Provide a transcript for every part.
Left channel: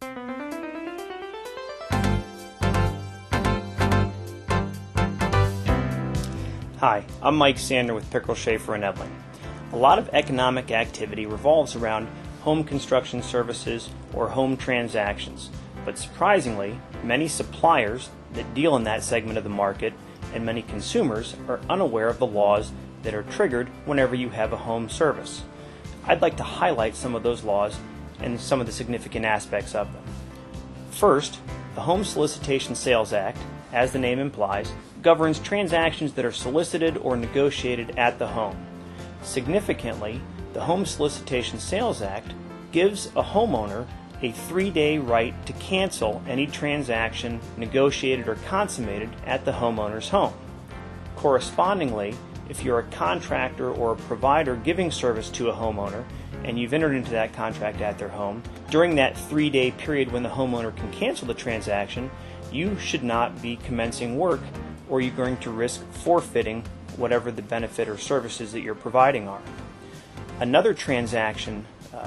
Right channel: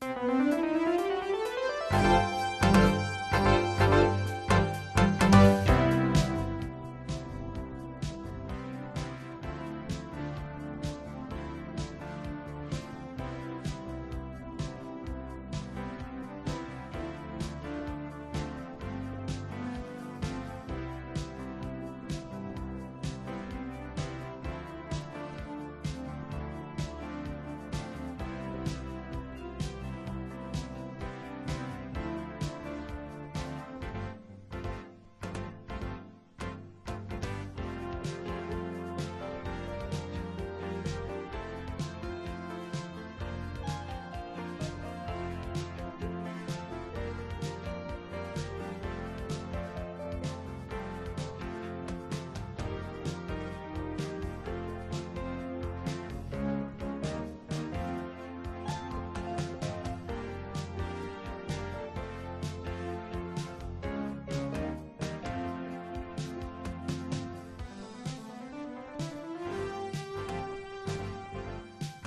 Hi, I'm Mike Sandner with Pickrel, Schaeffer and Ebeling. A lot of economic activity revolves around home construction services or home transactions, but surprisingly, many suppliers that deal in that segment of the market and many consumers are unaware of the laws that are triggered whenever you have a home service. I'd like to highlight some of those laws and some of the significant aspects of them. First, the Home Solicitation Sales Act, as the name implies, governs transactions that are solicited or negotiated at the home. Significantly, the Home Solicitation Sales Act gives a homeowner a 3-day right to cancel any transaction negotiated or consummated at the homeowner's home. Correspondingly, if you're a contractor or a provider giving service to a homeowner and you've entered into that contract at their home, during that 3-day period when the homeowner can cancel the transaction, you should not be commencing work, or you're going to risk forfeiting whatever the benefit or services that you're providing are. Another transaction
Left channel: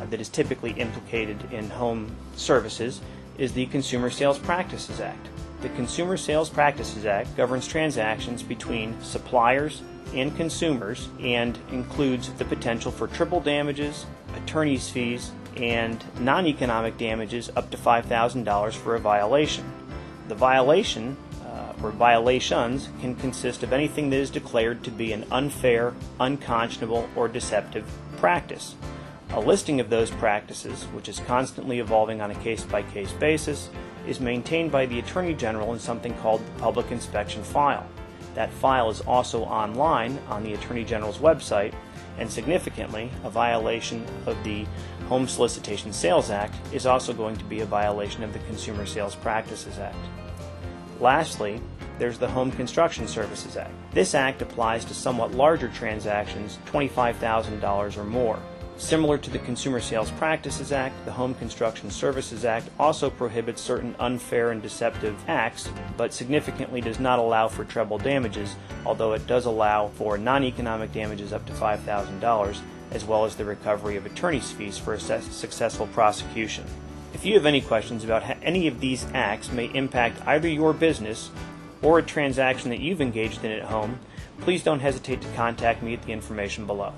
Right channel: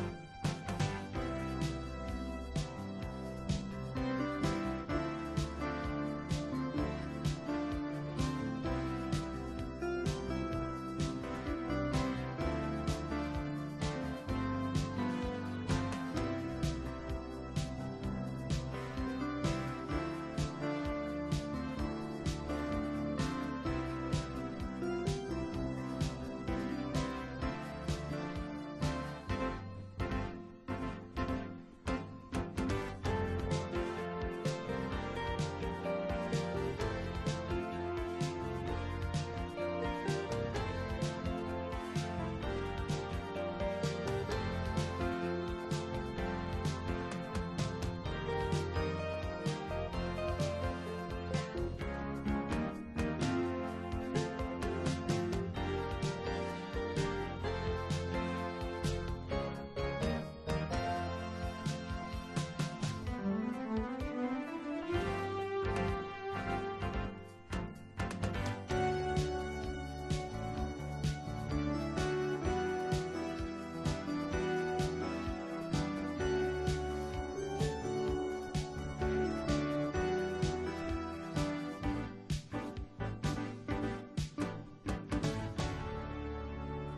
that is typically implicated in home services is the Consumer Sales Practices Act. The Consumer Sales Practices Act governs transactions between suppliers and consumers and includes the potential for triple damages, attorney's fees, and non-economic damages up to $5,000 for a violation. The violation or violations can consist of anything that is declared to be an unfair, unconscionable, or deceptive practice. A listing of those practices, which is constantly evolving on a case-by-case basis, is maintained by the Attorney General in something called the Public Inspection File. That file is also online on the Attorney General's website, and significantly, a violation of the Home Solicitation Sales Act is also going to be a violation of the Consumer Sales Practices Act. Lastly, there's the Home Construction Services Act. This act applies to somewhat larger transactions, $25,000 or more. Similar to the Consumer Sales Practices Act, the Home Construction Services Act also prohibits certain unfair and deceptive acts, but significantly does not allow for treble damages, although it does allow for non-economic damages up to $5,000, as well as the recovery of attorney's fees for a successful prosecution. If you have any questions about how any of these acts may impact either your business or a transaction that you've engaged in at home, please don't hesitate to contact me at the information below.